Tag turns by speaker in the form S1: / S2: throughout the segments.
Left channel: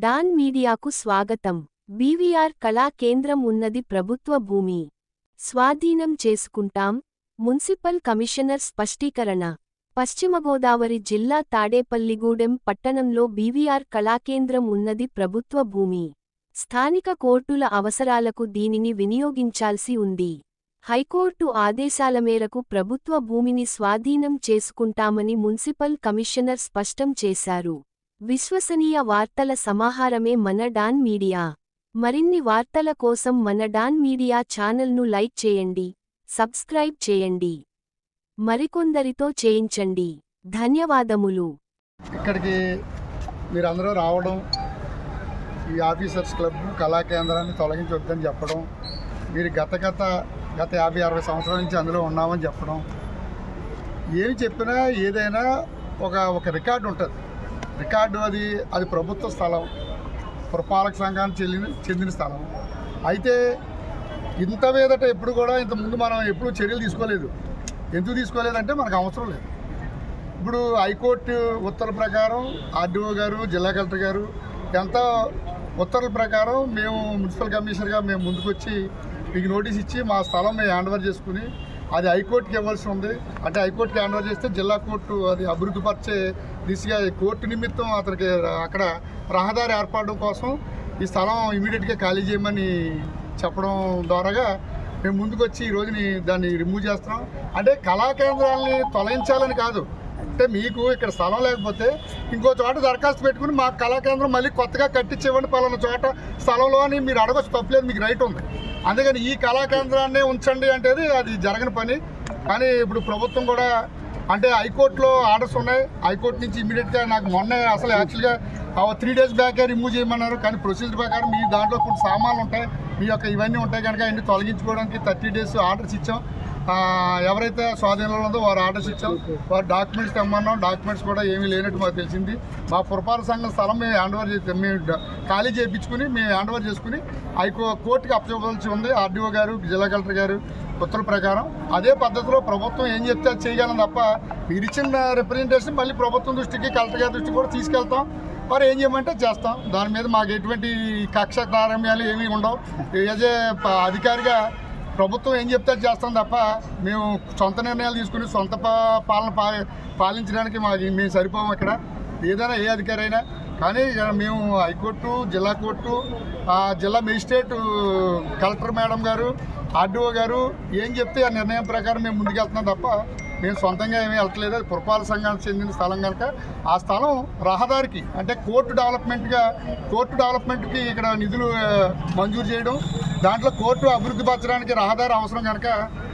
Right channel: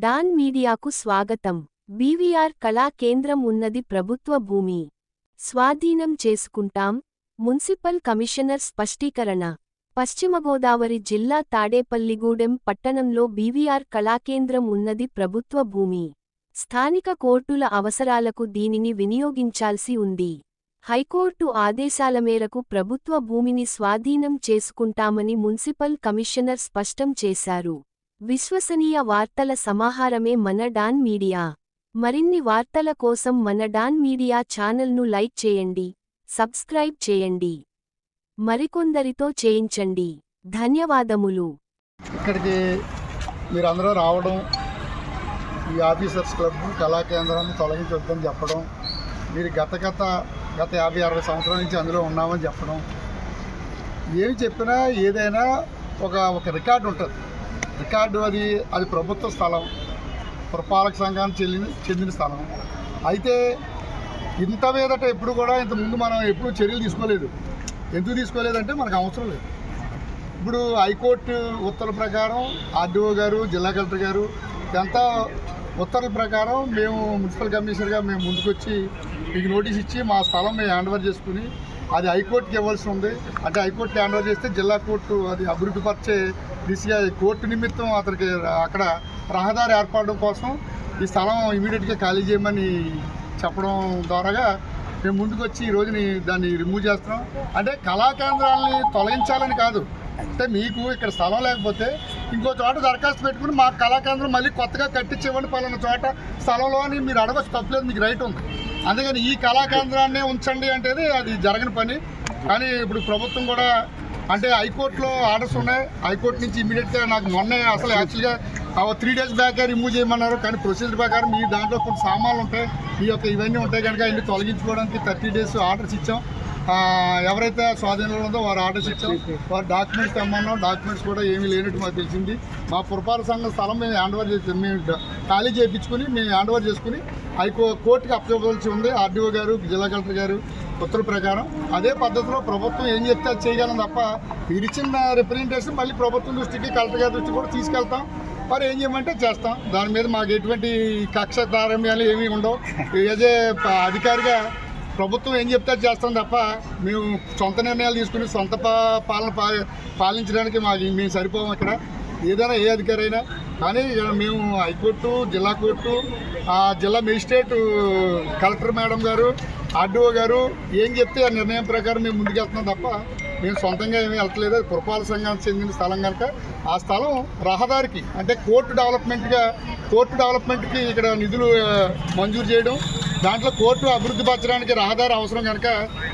S1: Don మీడియాకు స్వాగతం. BVR కళా కేంద్రం ఉన్నది ప్రభుత్వ భూమి. స్వాధీనం చేసుకుంటాం. మున్సిపల్ కమిషనర్ స్పష్టీకరణ. పశ్చిమ గోదావరి జిల్లా తాడేపల్లిగూడెం పట్టణంలో బీవీఆర్ కళాకేంద్రం ఉన్నది ప్రభుత్వ భూమి. స్థానిక కోర్టుల అవసరాలకు దీనిని వినియోగించాల్సి ఉంది. హైకోర్టు ఆదేశాల మేరకు ప్రభుత్వ భూమిని స్వాధీనం చేసుకుంటామని మున్సిపల్ కమిషనర్ స్పష్టం చేశారు. విశ్వసనీయ వార్తల సమాహారమే మన డాన్ మీడియా. మరిన్ని వార్తల కోసం మన డాన్ మీడియా ఛానల్ను లైక్ చేయండి సబ్స్క్రైబ్ చేయండి. మరికొందరితో చేయించండి. ధన్యవాదములు.
S2: ఇక్కడికి మీరందరూ రావడం ఈ ఆఫీసర్స్ క్లబ్ కళాకేంద్రాన్ని తొలగించొద్దని చెప్పడం మీరు గత గత గత యాభై అరవై సంవత్సరాల నుంచి అందులో ఉన్నామని చెప్పడం. ఏమి చెప్పినా ఏదైనా ఒక ఒక రికార్డు ఉంటుంది. రికార్డు అది అది ప్రభుత్వ స్థలం. పురపాలక సంఘానికి చెల్లిన చెందిన స్థలం. అయితే ఇంత మీదట ఎప్పుడు కూడా ఇంత ముందు మనం ఎప్పుడు చర్యలు తీసుకోలేదు. ఎందుకు తీసుకోలేదంటే మనకు అవసరం లేదు. ఇప్పుడు హైకోర్టు ఉత్తర్వుల ప్రకారం ఆర్డీఓ గారు జిల్లా కలెక్టర్ గారు ఎంత ఉత్తర్వుల ప్రకారం మేము మున్సిపల్ కమిషనర్గా మేము ముందుకొచ్చి మీకు నోటీస్ ఇచ్చి మా స్థలం మేము హ్యాండ్ ఓవర్ చేసుకుని అది హైకోర్టుకి ఇవ్వాల్సి ఉంది. అంటే హైకోర్టుకి హ్యాండ్ ఓవర్ చేస్తే జిల్లా కోర్టు అది అభివృద్ధి పరిచే దిశగా కోర్టు నిమిత్తం అతనికి అక్కడ రహదారి ఏర్పడడం కోసం ఈ స్థలం ఇమీడియట్గా ఖాళీ చేయమని చెప్పడం ద్వారాగా మేము ముందుకొచ్చి ఈ రోజుని దాన్ని రిమూవ్ చేస్తున్నాం. అంటే కళా కేంద్రాలని తొలగించాలని కాదు. అంటే మీకు ఇక్కడ స్థలం లేకపోతే ఇంకో చోట దరఖాస్తు పెట్టుకుని మా కళాకేంద్రం మళ్ళీ కొత్తగా కట్టించేవ్వండి పలానా చోట స్థలంలో అని మీరు అడగచ్చు తప్పలేదు మీకు రైట్ ఉంది. అందుకని ఈ కళా కేంద్రాన్నే ఉంచండి అంటే అది జరగని పని. కానీ ఇప్పుడు ప్రభుత్వం కూడా అంటే హైకోర్టులో ఆర్డర్స్ ఉన్నాయి. హైకోర్టు నుంచి ఇమీడియట్గా నాకు మొన్న అసలు యాక్చువల్గా త్రీ డేస్ బ్యాక్ రిమూవ్ చేయమన్నారు. కానీ ప్రొసీజర్ ప్రకారం మీ దాంట్లో కొన్ని సామాన్లు ఉంటాయి. మీ యొక్క ఇవన్నీ ఉంటాయి కనుక ఇన్ని తొలగించుకోవడానికి థర్టీ డేస్ ఆర్డర్స్ ఇచ్చాం. ఎవరైతే స్వాధీనంలో ఉందో వారు ఆర్డర్స్ ఇచ్చాం. వారు డాక్యుమెంట్స్ తెమ్మన్నాం డాక్యుమెంట్స్ కూడా ఏమీ లేనట్టు మాకు తెలిసింది. మా పురపాలక సంఘం స్థలం మేము హ్యాండ్ ఓవర్ చేసి మేము ఖాళీ చేయించుకుని మేము హ్యాండ్ ఓవర్ చేసుకుని హైకో కోర్టుకి అప్పచెప్పవలసి ఉంది. ఆర్డీఓ గారు జిల్లా కలెక్టర్ గారు ఉత్తర్వు ప్రకారం అదే పద్ధతిలో ప్రభుత్వం ఏం చెప్తే అది చేయాలని తప్ప మీరు ఇచ్చిన రిప్రజెంటేషన్ మళ్ళీ ప్రభుత్వం దృష్టికి కలెక్టర్ గారి దృష్టికి కూడా తీసుకెళ్తాం. మరి ఏం చేయమంటే చేస్తాం. దాని మీద మాకు ఎటువంటి కక్ష తారమ్యాలు ఏమీ ఉండవు. ఏదే అధికారిగా ప్రభుత్వం ఏం చెప్తే చేస్తాం తప్ప మేము సొంత నిర్ణయాలు తీసుకుని సొంత పా- పాలన పాలించడానికి మాది మేము సరిపోము ఇక్కడ. ఏదైనా ఏ అధికారి అయినా. కానీ మేము హైకోర్టు జిల్లా కోర్టు జిల్లా మేజిస్ట్రేట్ కలెక్టర్ మేడం గారు ఆర్డీఓ గారు ఏం చెప్తే ఆ నిర్ణయం ప్రకారం మేము ముందుకెళ్తున్నాం తప్ప మేము సొంతంగా ఏమీ వెళ్ళట్లేదు. అది పురపాలక సంఘానికి చెందిన స్థలం కనుక ఆ స్థలం రహదారికి అంటే కోర్టు డెవలప్మెంట్గా కోర్టు డెవలప్మెంట్కి ఇక్కడ నిధులు మంజూరు చేయడం దాంట్లో కోర్టు అభివృద్ధి పరచడానికి రహదారి అవసరం కనుక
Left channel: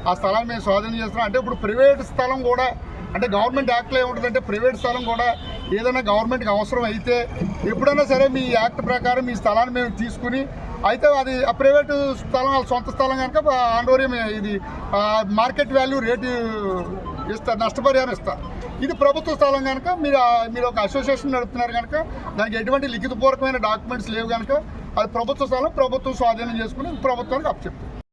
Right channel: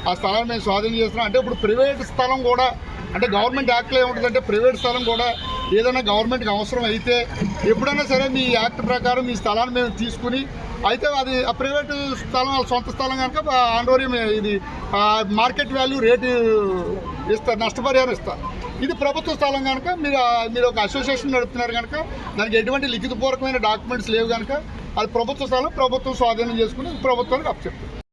S2: ఆ స్థలాన్ని మేము స్వాధీనం చేస్తున్నాం. అంటే ఇప్పుడు ప్రైవేట్ స్థలం కూడా అంటే గవర్నమెంట్ యాక్ట్లో ఏముంటుందంటే ప్రైవేట్ స్థలం కూడా ఏదైనా గవర్నమెంట్కి అవసరం అయితే ఎప్పుడైనా సరే మీ యాక్ట్ ప్రకారం మీ స్థలాన్ని మేము తీసుకుని అయితే అది ఆ ప్రైవేట్ స్థలం వాళ్ళ సొంత స్థలం కనుక ఆండోరియం ఇది మార్కెట్ వాల్యూ రేటు ఇస్తా నష్టపరిహారం ఇస్తా. ఇది ప్రభుత్వ స్థలం కనుక మీరు మీరు ఒక అసోసియేషన్ నడుపుతున్నారు కనుక దానికి ఎటువంటి లిఖితపూర్వకమైన డాక్యుమెంట్స్ లేవు కనుక అది ప్రభుత్వ స్థలం ప్రభుత్వం స్వాధీనం చేసుకుని ప్రభుత్వానికి అప్పచెప్తుంది